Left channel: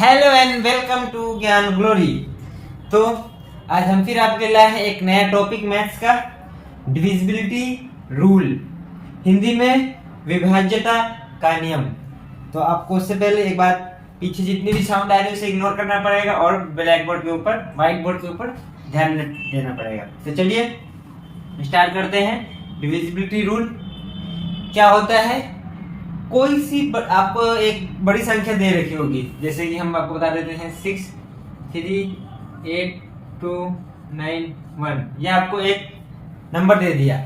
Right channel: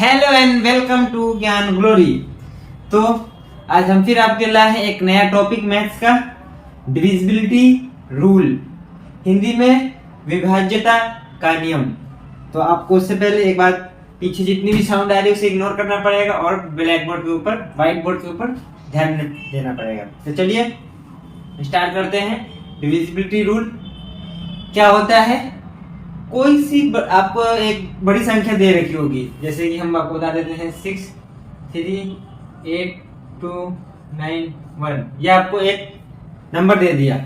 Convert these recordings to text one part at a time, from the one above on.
Hello and welcome to ज्ञान glory. तो आज हम फिर आपके लाए हैं एक नया टॉपिक मैथ्स का, डिविजिबिलिटी रूल, हिंदी में विभाज्यता का नियम। तो आपको उससे पहले एक बात, पीछे जितनी भी साउंड आ रही है उसे इग्नोर करना पड़ेगा और ब्लैक बोर्ड के ऊपर, व्हाइट बोर्ड के ऊपर ध्यान देना पड़ेगा। तो चलिए स्टार्ट करते हैं। डिविजिबिलिटी रूल क्या होता है? कोई सी आपको एक बड़ी संख्या दे रखी होगी, जैसे कि हम आपको बता देते हैं 6, 3, 8, 2, 9, 1। यह आपको एक नंबर दे दिया।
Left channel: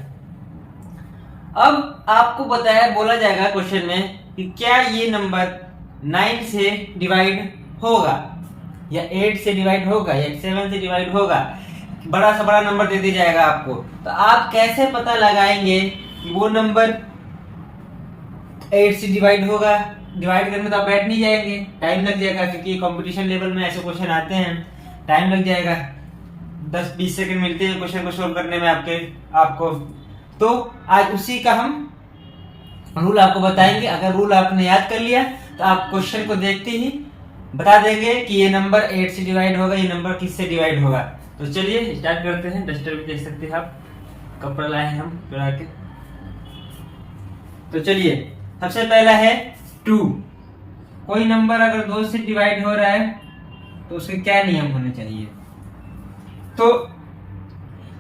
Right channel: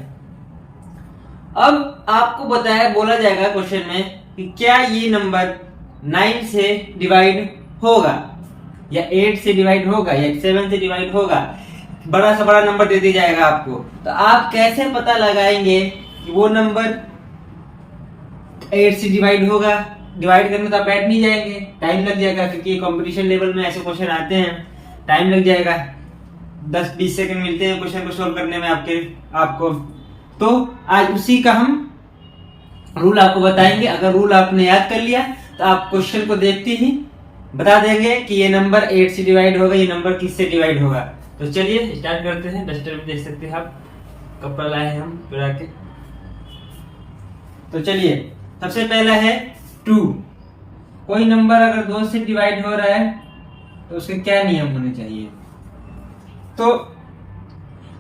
अब आपको बोला जाएगा क्वेश्चन में कि क्या ये नंबर 9 से डिवाइड होगा या 8 से डिवाइड होगा या 7 से डिवाइड होगा। बड़ा से बड़ा नंबर दे दिया जाएगा आपको, तो आप कैसे पता लगाएंगे कि वो नंबर 8 से डिवाइड होगा? डिवाइड करने तो आप बैठ नहीं जाएंगे, टाइम लग जाएगा, क्योंकि कंपटीशन लेवल में ऐसे क्वेश्चन आते हैं, टाइम लग जाएगा। 10-20 सेकंड मिलते हैं क्वेश्चन को सोल्व करने में आपको। तो आज उसी का हम रूल आपको बताएंगे। अगर रूल आपने याद कर लिया तो आप क्वेश्चन को देखते ही बता देंगे कि ये नंबर 8 से डिवाइड होगा, ये नंबर किससे डिवाइड होगा। तो चलिए स्टार्ट करते हैं। डस्टर भी देख सकते हैं आप, कपड़ा लाए हैं हम चुरा के। तो चलिए, सबसे पहला है 2। कोई नंबर अगर 2 से डिवाइड हो रहा है तो उसके क्या नियम होने चाहिए? तो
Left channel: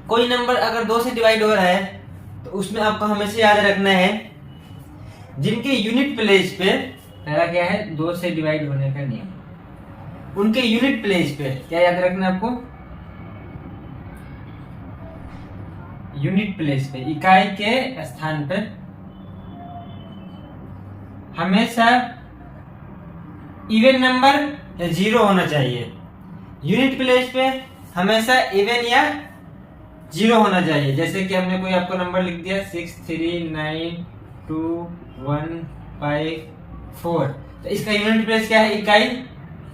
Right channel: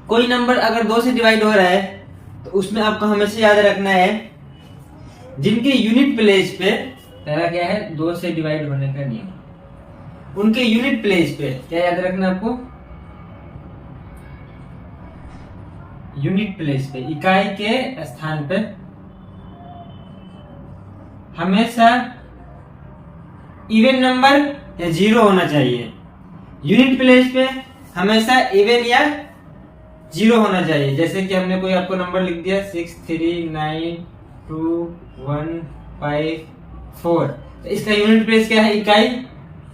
कोई नंबर अगर 2 से डिवाइड हो रहा है तो उसमें आपको हमेशा याद रखना है जिनके यूनिट प्लेस पे, पहला क्या है 2 से डिवाइड होने का नियम, उनके यूनिट प्लेस पे क्या याद रखना है आपको? यूनिट प्लेस पे, इकाई के स्थान पे हमेशा इवन नंबर या जीरो होना चाहिए। यूनिट प्लेस पे हमेशा इवन या जीरो होना चाहिए। जैसे कि हमने कोई आपको नंबर लिख दिया 6, 3, 9, 2, 1, 5, 4, तो इसका यूनिट प्लेस क्या है? इकाई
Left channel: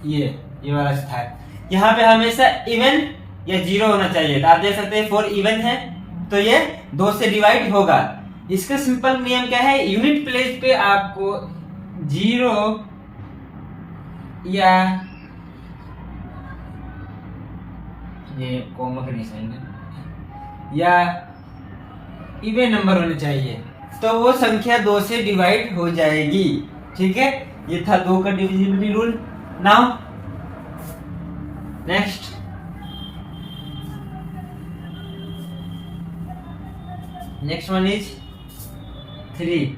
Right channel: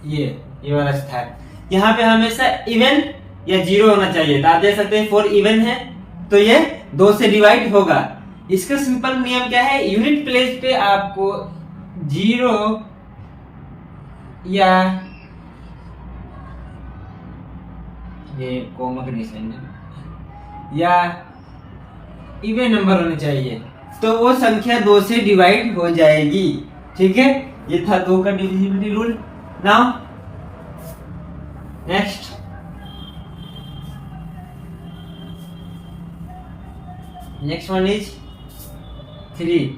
ये वाला स्थान। यहाँ पे हमेशा इवन या जीरो होना चाहिए। तो आप देख सकते हैं 4 इवन है तो ये 2 से डिवाइड होगा। इसका सिंपल नियम क्या है? यूनिट प्लेस पे आपको जीरो या ये कॉमा का निशान है या इवन नंबर होने चाहिए, तो वो संख्या 2 से डिवाइड हो जाएगी। ठीक है, ये था 2 का divisibility rule. Now next, next one is 3।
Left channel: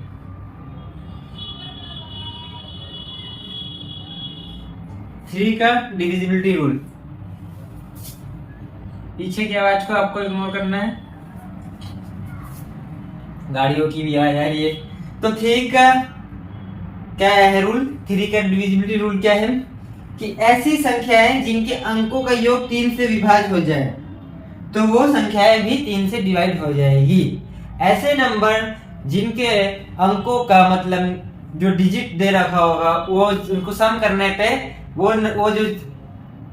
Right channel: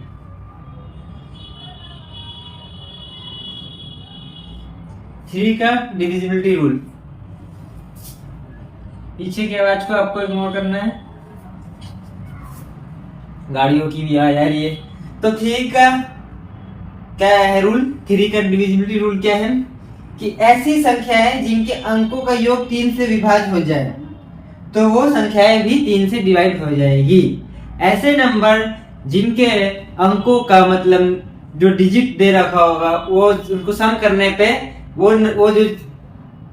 3 का डिविजिबिलिटी रूल। पीछे की आवाज को आपको इग्नोर करना है, गाड़ियों की भी आवाज आ रही है। तो 3 का क्या है रूल? 3 का डिविजिबिलिटी रूल क्या है कि ऐसी संख्याएं जिनके अंकों का योग 3 से विभाज्य हो जाए तो वो संख्याएं भी 3 से डिवाइड हो जाएगी। ऐसे नंबर जिनके अंकों का मतलब जो डिजिट दे रखा होगा वो उनको सम करने पे वो जो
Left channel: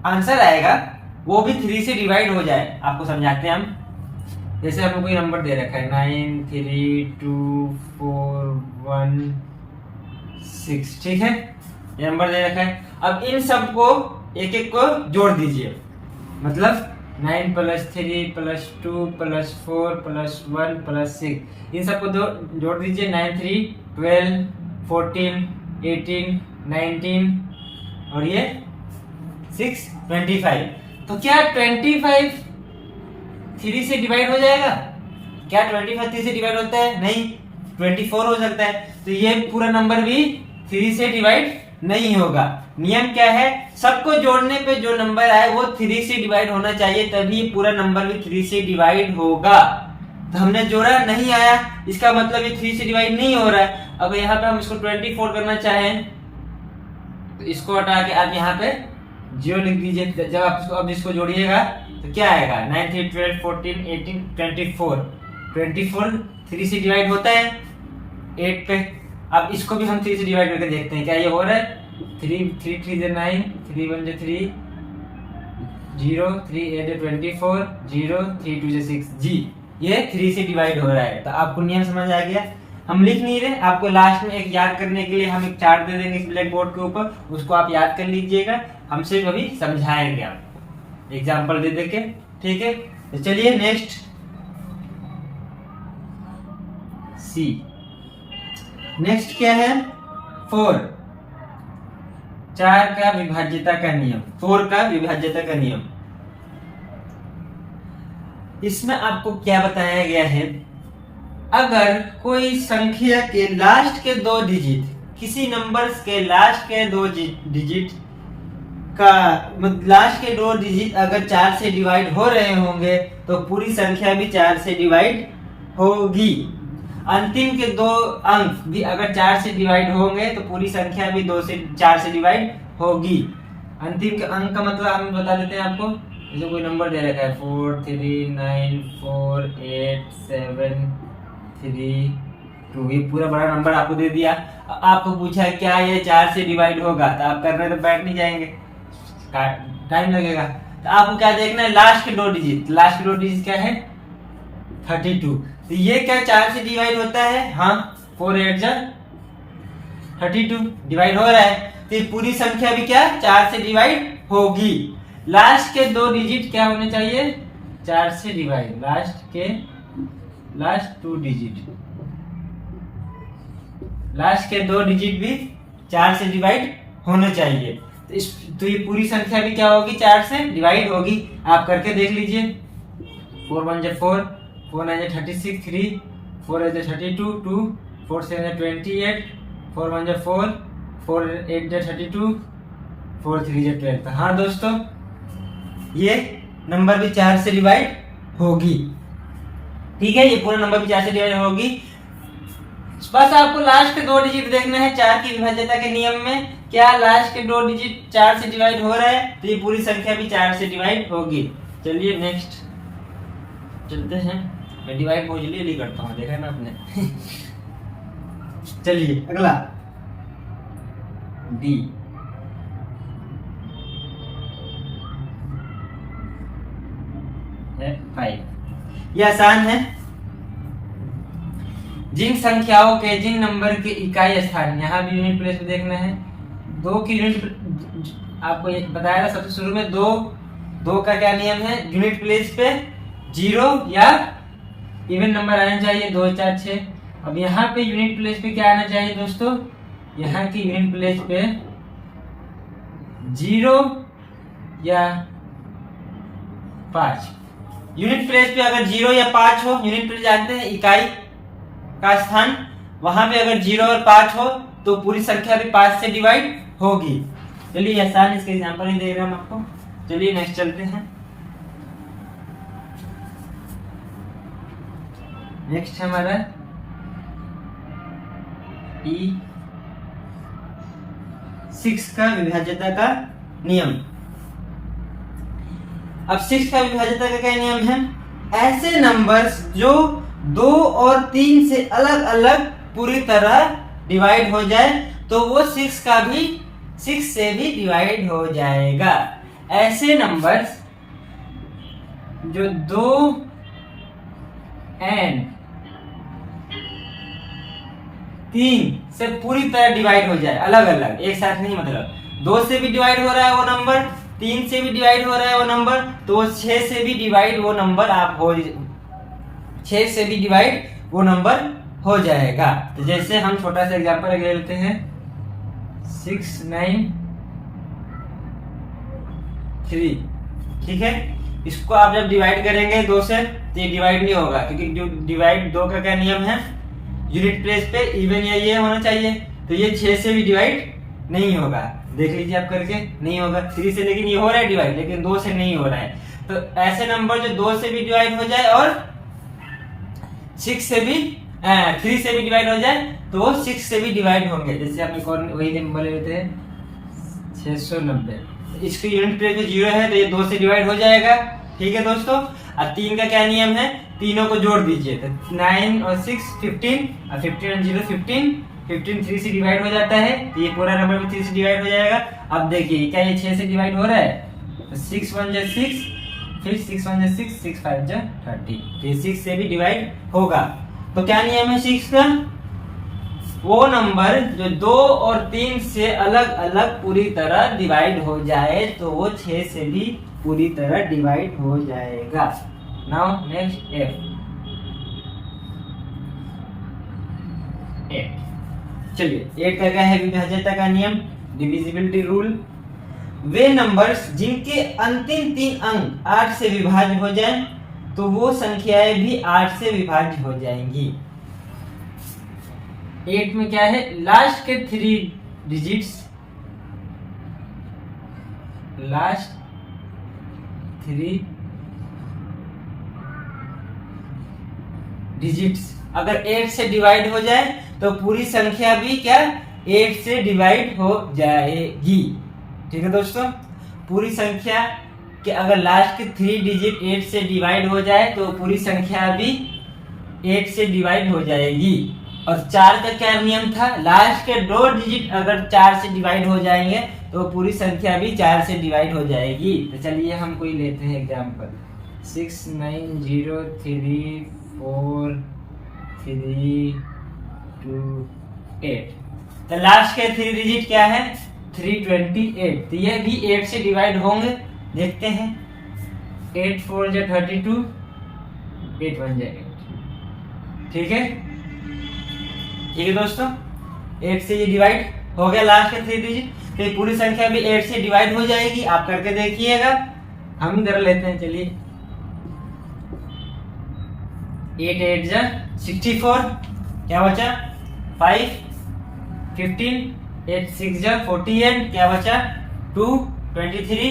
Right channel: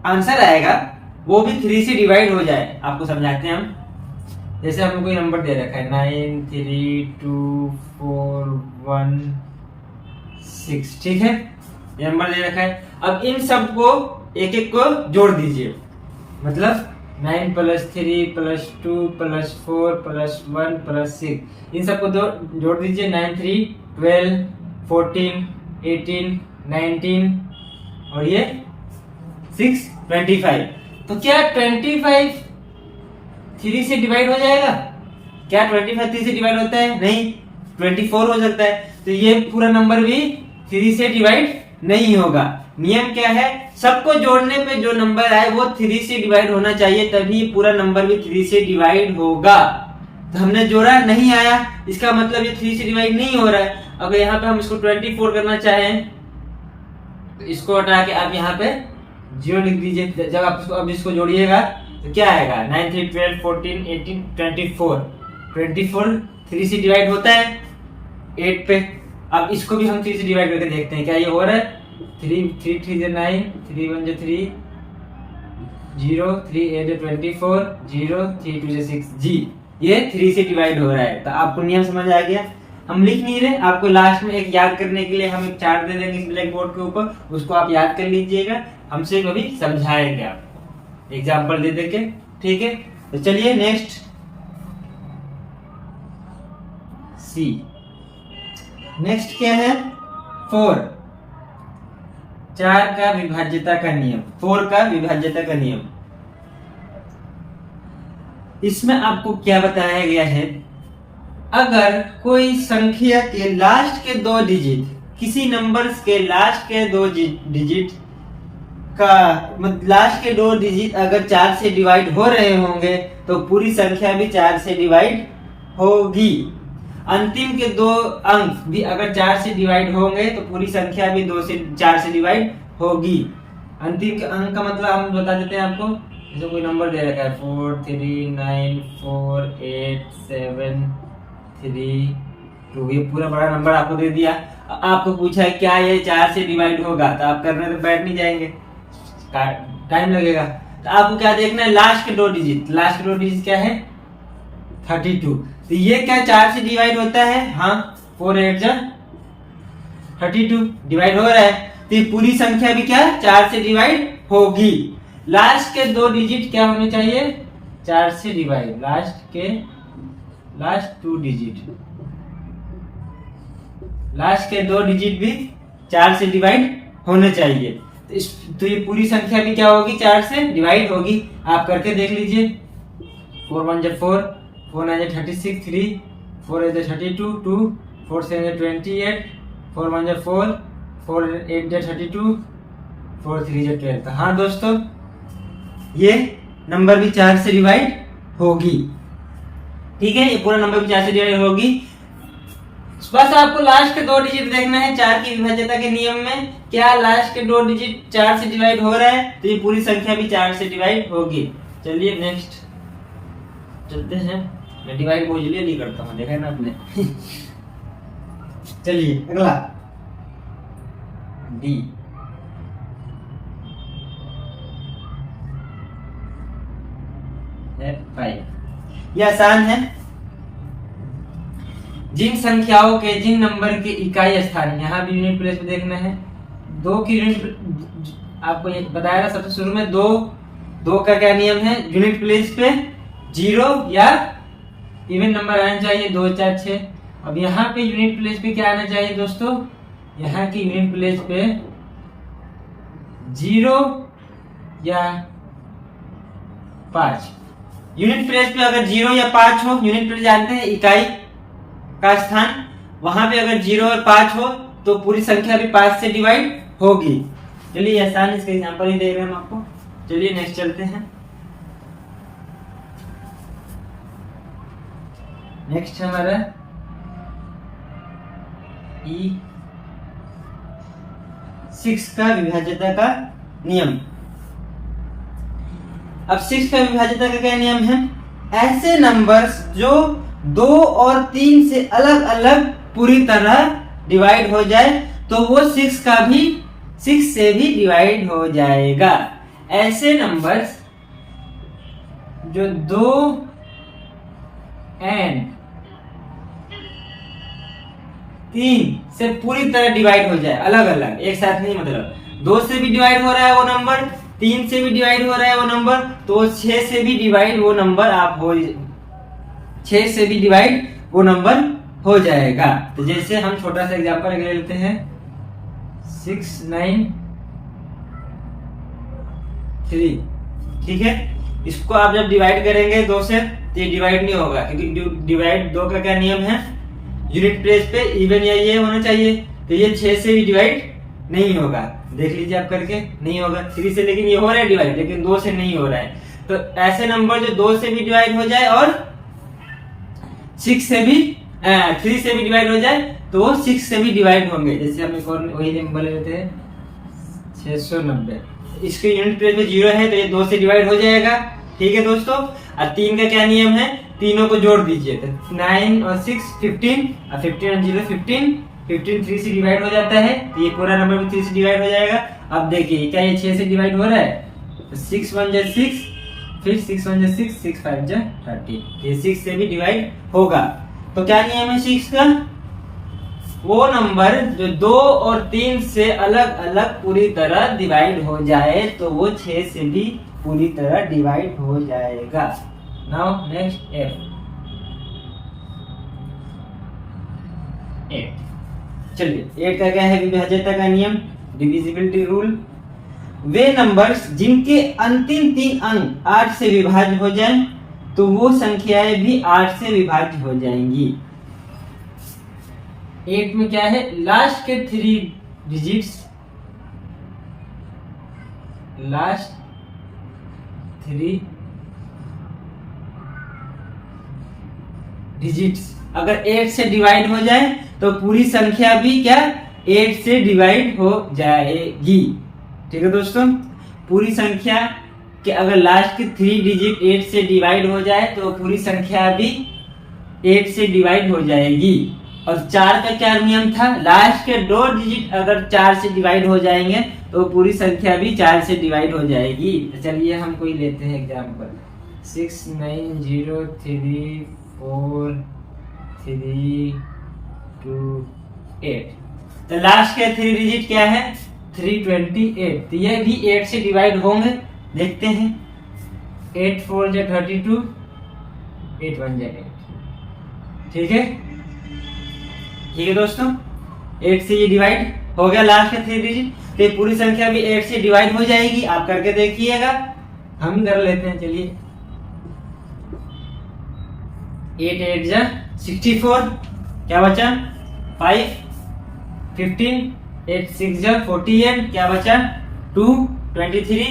आंसर आएगा वो भी 3 से डिवाइड हो जाए। आपको समझाते हैं हम। जैसे आपको कोई नंबर दे रखा है 9, 3, 2, 4, 1, 6, ठीक है, ये नंबर दे रखा है। अब इन सब को एक एक को जोड़ दीजिए, मतलब 9 + 3 + 2 + 4 + 1 + 6, इन सबको जोड़ दीजिए। 9, 3, 12, 14, 18, 19 और ये 6, 25। तो क्या 25 3 से डिवाइड हो जाएगा? क्या 25 3 से डिवाइड होता है? नहीं, 24 हो सकता है। तो ये पूरा नंबर भी 3 से डिवाइड नहीं होगा। नियम क्या है? सबको जोड़ने पे जो नंबर आए वो 3 से डिवाइड होना चाहिए, तभी पूरा नंबर भी 3 से डिवाइड होगा। तो हमने जोड़ा, नहीं आया, इसका मतलब ये 3 से डिवाइड नहीं हो रहा है। अगर यहाँ पे हम इसको 24 करना चाहें तो इसको हटा के आप यहाँ पे 0 लिख दीजिए। जब आप इसको अब इसको जोड़िएगा तो क्या आएगा? 9, 3, 12, 14, 18, 24। 24 3 से डिवाइड होता है 8 पे। अब इसको भी हम 3 से डिवाइड करके देखते हैं क्या ये हो रहा है। 3, 3, 3 9, 3, 1 3, 0, 3, 8 24, 0, 3, 2 6 जी, ये 3 से डिवाइड हो रहा है। तो आपको नियम समझ आ गया। हम लिख नहीं रहे, आपको लास्ट में एक याद करने के लिए हम एक चार्ट दे देंगे ब्लैक बोर्ड के ऊपर, उसको आप याद कर लीजिएगा, हमसे कभी समझाएंगे आपको एग्जाम्पल दे देके, ठीक है। तो चलिए नेक्स्ट सी, नेक्स्ट क्या है 4, 4 का विभाज्यता का नियम, 4 का विभाज्यता का नियम। इसमें आपको क्या बताया गया है, अगर कोई संख्या के लास्ट के 2 डिजिट, किसी नंबर्स के लास्ट के 2 डिजिट का लास्ट के 2 डिजिट अगर 4 से डिवाइड हो रहे होंगे तो पूरी संख्या भी 4 से डिवाइड होगी। अंतिम के 2 अंक भी अगर 4 से डिवाइड होंगे तो पूरी संख्या भी 2 से 4 से डिवाइड होगी। अंतिम के अंक का मतलब हम बता देते हैं आपको, जैसे कोई नंबर दे रखा है 4 3 9 4 8 7 3 2, ये पूरा बड़ा नंबर आपको दे दिया, आपको पूछा है क्या ये 4 से डिवाइड होगा, तो आप करने तो बैठ नहीं जाएंगे, टाइम लगेगा। तो आपको क्या देखना है, लास्ट के 2 डिजिट, लास्ट के 2 डिजिट क्या है 32, तो ये क्या 4 से डिवाइड होता है, हाँ 4 8 जा 32 डिवाइड हो रहा है, तो ये पूरी संख्या भी क्या 4 से डिवाइड होगी। लास्ट के 2 डिजिट क्या होने चाहिए 4 से डिवाइड, लास्ट 2 डिजिट, लास्ट के 2 डिजिट भी 4 से डिवाइड होने चाहिए, तो ये पूरी संख्या भी क्या होगी 4 से डिवाइड होगी। आप करके देख लीजिए, 4 1 जा 4, 4 9 जा 36, 3 4 8 जा 32, 2 4 7 जा 28, 4 1 जा 4, 4 8 जा 32, 4 3 जा 12। तो हाँ दोस्तों, ये नंबर भी 4 से डिवाइड होगी, ठीक है, ये पूरा नंबर भी 4 से डिवाइड होगी। बस आपको लास्ट के 2 डिजिट देखना है 4 की विभाज्यता के नियम में, क्या लास्ट के 2 डिजिट 4 से डिवाइड हो रहा है तो ये पूरी संख्या भी 4 से डिवाइड होगी। चलिए नेक्स्ट चलते हैं, मैं डिवाइड बहुत जल्दी करता हूँ, देखा ना आपने चलिए अगला डी, है 5, ये आसान है। जिन संख्याओं के, जिन नंबर के इकाई स्थान, यहाँ भी यूनिट प्लेस पे देखना है, 2 की यूनिट आपको ये बताया था सबसे शुरू में, 2 का क्या नियम है, यूनिट प्लेस पे 0 या इवन नंबर आना चाहिए 2 4 6। अब यहाँ पे यूनिट प्लेस पे क्या आना चाहिए दोस्तों, यहाँ की यूनिट प्लेस पे 0 या 5। यूनिट प्लेस पे अगर 0 या 5 हो, यूनिट प्लेस जानते हैं इकाई का स्थान, वहां पे अगर 0 और 5 हो तो पूरी संख्या भी 5 से डिवाइड होगी। चलिए आसान इसका एग्जांपल ही दे रहे हैं हम आपको। चलिए नेक्स्ट चलते हैं, नेक्स्ट हमारा E6 का विभाज्यता का नियम। अब 6 का विभाज्यता का क्या नियम है, ऐसे नंबर्स जो 2 और 3 से अलग अलग पूरी तरह डिवाइड हो जाए तो वो 6 से भी डिवाइड हो जाएगा। ऐसे नंबर्स जो 2 and 3 से पूरी तरह डिवाइड हो जाए, अलग अलग एक साथ नहीं, मतलब 2 से भी डिवाइड हो रहा है वो नंबर, 3 से भी डिवाइड हो रहा है वो नंबर, तो 6 से भी डिवाइड वो नंबर आप हो 6 से भी डिवाइड वो नंबर हो जाएगा। तो जैसे हम छोटा सा एग्जांपल ले लेते हैं 6 9 3, ठीक है। इसको आप जब डिवाइड करेंगे 2 से तो ये डिवाइड नहीं होगा, क्योंकि डिवाइड 2 का क्या नियम है, यूनिट प्लेस पे इवन या ये होना चाहिए, तो ये 6 से भी डिवाइड नहीं होगा। देख लीजिए आप करके, नहीं होगा 3 से, लेकिन ये हो रहा है डिवाइड, लेकिन 2 से नहीं हो रहा है। तो ऐसे नंबर जो 2 से भी डिवाइड हो जाए और 6 से भी 3 से भी डिवाइड हो जाए तो वो 6 से भी डिवाइड होंगे। जैसे हम एक और वही नंबर लेते हैं 690, इसके यूनिट प्लेस पे 0 है तो ये 2 से डिवाइड हो जाएगा, ठीक है दोस्तों। और 3 का क्या नियम है, तीनों को जोड़ दीजिए, तो 9 और 6 15, और 15 और 0 15, 15 3 से डिवाइड हो जाता है, तो ये पूरा नंबर भी 3 से डिवाइड हो जाएगा। अब देखिए क्या ये 6 से डिवाइड हो रहा है, तो 6 1 जा 6, फिर 6 1 जा 6, 6 5 जा 30, ये 6 से भी डिवाइड होगा। तो क्या नियम है 6 का, वो नंबर जो 2 और 3 से अलग अलग पूरी तरह डिवाइड हो जाए तो वो 6 से भी पूरी तरह डिवाइड हो जाएगा। Now next F 8। चलिए 8 का क्या है? विभाज्यता का नियम, डिविजिबिलिटी रूल। वे नंबर्स जिनके अंतिम 3 अंक 8 से विभाज्य हो जाए तो वो संख्याएं भी 8 से विभाज्य हो जाएंगी। 8 में क्या है? लास्ट के 3 डिजिट्स, लास्ट 3 डिजिट्स अगर 8 से डिवाइड हो जाए तो पूरी संख्या भी क्या 8 से डिवाइड हो जाएगी। ठीक है दोस्तों, पूरी संख्या कि अगर लास्ट के 3 डिजिट 8 से डिवाइड हो जाए तो पूरी संख्या भी 8 से डिवाइड हो जाएगी। और 4 का क्या नियम था? लास्ट के 2 डिजिट अगर 4 से डिवाइड हो जाएंगे तो पूरी संख्या भी 4 से डिवाइड हो जाएगी। तो चलिए हम कोई लेते हैं एग्जांपल 6 9 0 3 4 3 2 8। तो लास्ट के 3 डिजिट क्या है? 328। तो ये भी 8 से डिवाइड होंगे। देखते हैं 8 4 जा 32, 8 1 जा 8। ठीक है, ठीक है दोस्तों, 8 से ये डिवाइड हो गया लास्ट के 3 डिजिट, तो ये पूरी संख्या भी 8 से डिवाइड हो जाएगी। आप करके देखिएगा, हम कर लेते हैं। चलिए 8 8 जा 64, क्या बचा 5 15, 8 6 जा 48, क्या बचा 2 23,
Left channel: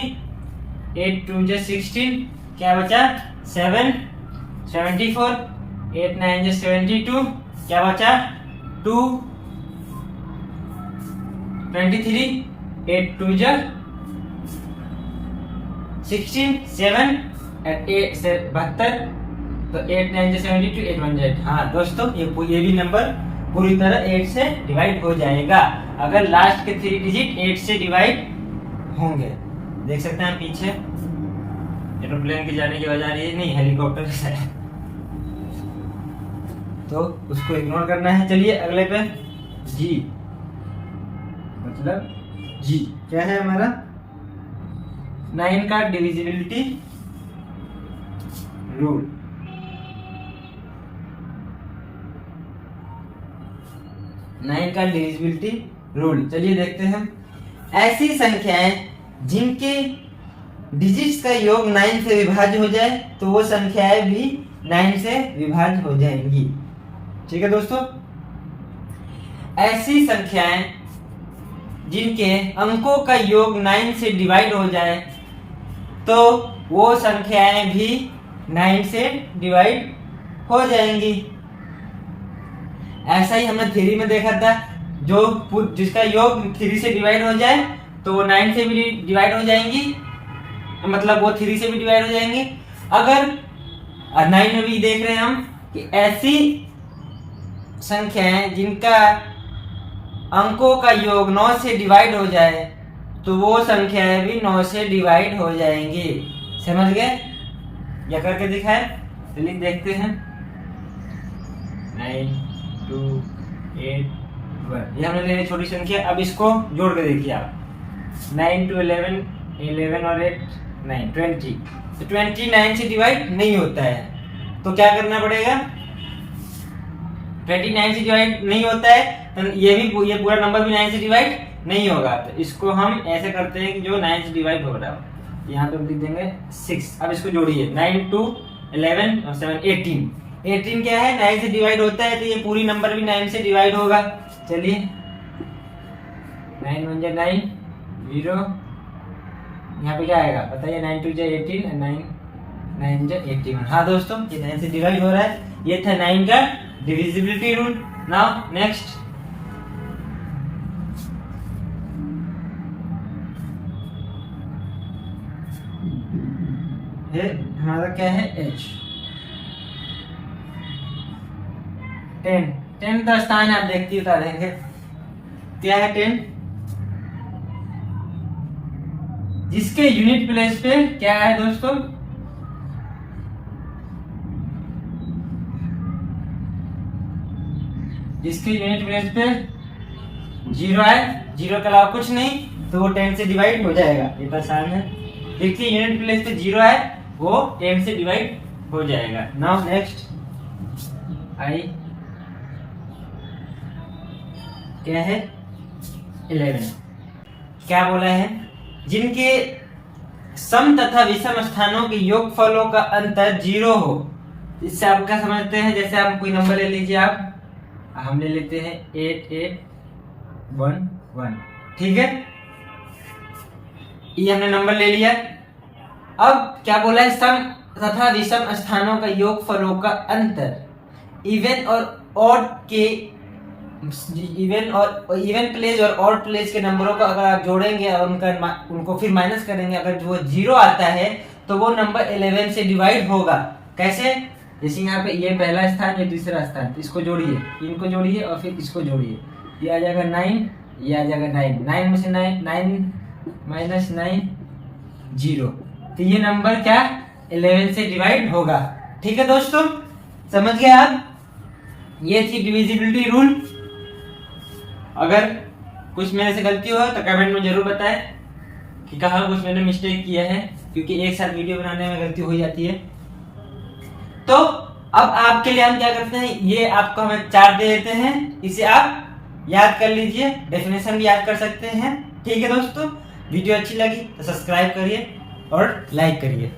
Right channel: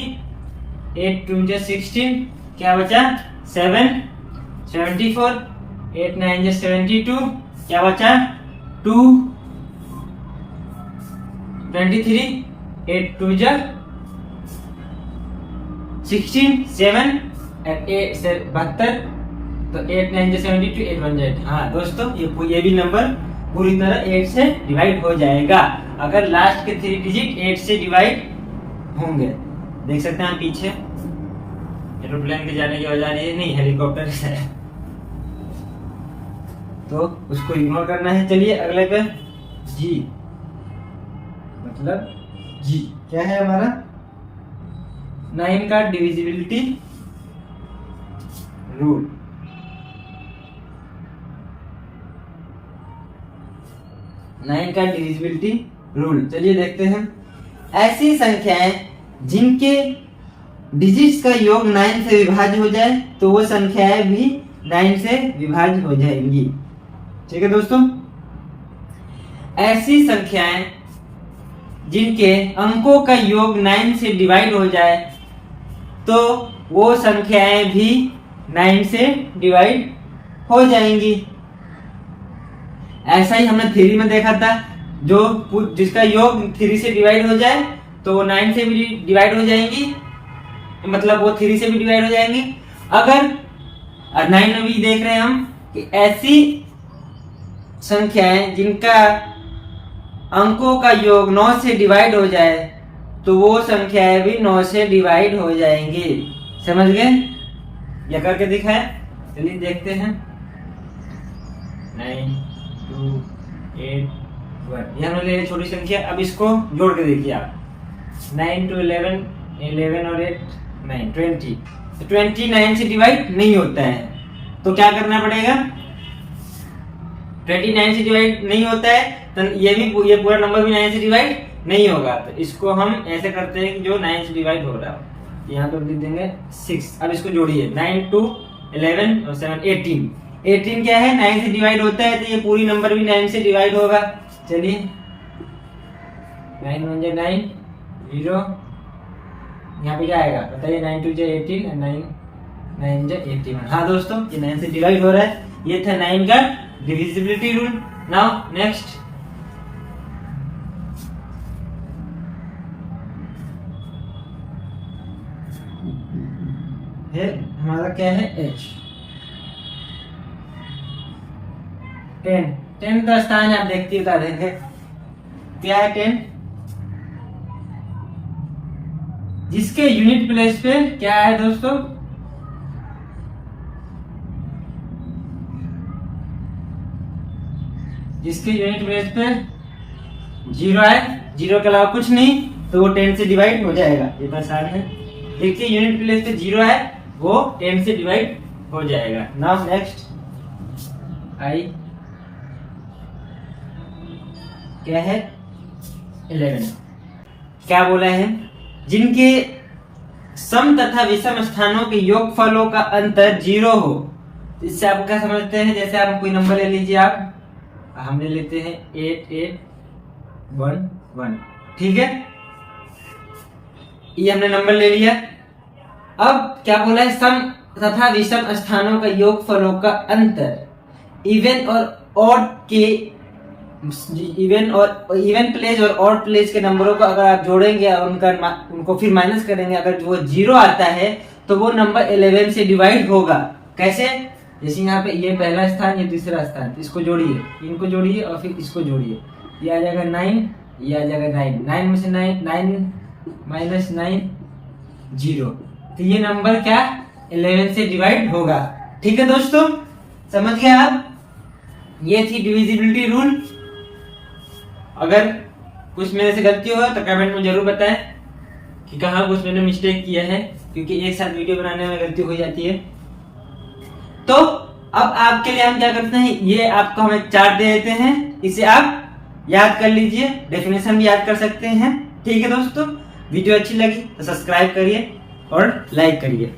8 2 जा 16, क्या बचा 7 74, 8 9 जा 72, क्या बचा 2 23, 8 2 जा 16 7 and 8 72, तो 8 9 जा 72, 8 1 जा 8। हाँ दोस्तों, ये भी नंबर पूरी तरह 8 से डिवाइड हो जाएगा अगर लास्ट के 3 डिजिट 8 से डिवाइड होंगे। देख सकते हैं पीछे एरोप्लेन के जाने की आवाज आ रही है, नहीं हेलीकॉप्टर है, तो उसको इग्नोर करना है। चलिए अगले पे जी, मतलब जी क्या है हमारा 9 का डिविजिबिलिटी रूल। 9 का डिविजिबिलिटी रूल, चलिए देखते हैं। ऐसी संख्याएं जिनके डिजिट्स का योग 9 से विभाज्य हो जाए तो वो संख्याएं भी 9 से विभाज्य हो जाएंगी। ठीक है दोस्तों, ऐसी संख्याएं जिनके अंकों का योग 9 से डिवाइड हो जाए तो वो संख्याएं भी 9 से डिवाइड हो जाएंगी। ऐसा ही हमने थ्योरी में देखा था, जो जिसका योग 3 से डिवाइड हो जाए तो वो 9 से भी डिवाइड हो जाएंगी, मतलब वो 3 से भी डिवाइड हो जाएंगे। अगर 9 में भी देख रहे हैं हम कि ऐसी संख्याएं जिनका अंकों का योग 9 से डिवाइड हो जाए तो वो संख्याएं भी 9 से डिवाइड हो जाएंगी। समझ गए? या करके दिखाए, चलिए देखते हैं। 9 2 8 1, ये हमने ले छोटी संख्या। अब इसको जोड़ के देखिए आप, 9 to 11, 11 और 8 9 20। तो 29 से डिवाइड नहीं होता है, तो क्या करना पड़ेगा? 29 से डिवाइड नहीं होता है तो ये पूरा नंबर भी 9 से डिवाइड नहीं होगा। तो इसको हम ऐसे करते हैं कि जो 9 से डिवाइड हो रहा है यहाँ पे लिख देंगे 6। अब इसको जोड़िए, 9 2 11 और 7 18। 18 क्या है? 9 से डिवाइड होता है, तो ये पूरी नंबर भी 9 से डिवाइड होगा। चलिए 9 1 9 0, यहाँ पे क्या आएगा बताइए? 9 2 18 और 9 9 81। हाँ दोस्तों, ये 9 से डिवाइड हो रहा है। ये था 9 का डिविजिबिलिटी रूल। नाउ नेक्स्ट है हमारा क्या है? h 10 का स्थान आप देखते बता देंगे क्या है 10, जिसके यूनिट प्लेस पे क्या है दोस्तों? जिसके यूनिट प्लेस पे 0 है, 0 के अलावा कुछ नहीं, तो वो 10 से डिवाइड हो जाएगा। ये तो आसान है। देखिए यूनिट प्लेस पे 0 है, वो 10 से डिवाइड हो जाएगा। नाउ नेक्स्ट आई क्या है 11। क्या बोला है, जिनके सम तथा विषम स्थानों के योगफलों का अंतर 0 हो। इससे आप क्या समझते हैं, जैसे आप कोई नंबर ले लीजिए, आप हम ले लेते हैं 8811, ठीक है, ये हमने नंबर ले लिया। अब क्या बोला है, सम तथा विषम स्थानों का योगफलों का अंतर इवन और ऑड के इवन प्लेस और ऑड प्लेस के नंबरों का अगर आप जोड़ेंगे और उनको फिर माइनस करेंगे, अगर वो 0 आता है तो वो नंबर 11 से डिवाइड होगा। कैसे, जैसे यहाँ पे ये पहला स्थान, ये दूसरा स्थान, तो इसको जोड़िए, इनको जोड़िए और फिर इसको जोड़िए, ये आ जाएगा 9, ये आ जाएगा 9, 9 में से 9 माइनस 9 0, तो ये नंबर क्या 11 से डिवाइड होगा। ठीक है दोस्तों, समझ गए आप, ये थी डिविजिबिलिटी रूल। अगर कुछ मेरे से गलती हो तो कमेंट में जरूर बताएं कि कहाँ कुछ मैंने मिस्टेक किया है, क्योंकि एक साथ वीडियो बनाने में गलती हो जाती है। तो अब आपके लिए हम क्या करते हैं, ये आपको हम एक चार्ट दे देते हैं, इसे आप याद कर लीजिए, डेफिनेशन भी याद कर सकते हैं। ठीक है दोस्तों, वीडियो अच्छी लगी तो सब्सक्राइब करिए और लाइक करिए।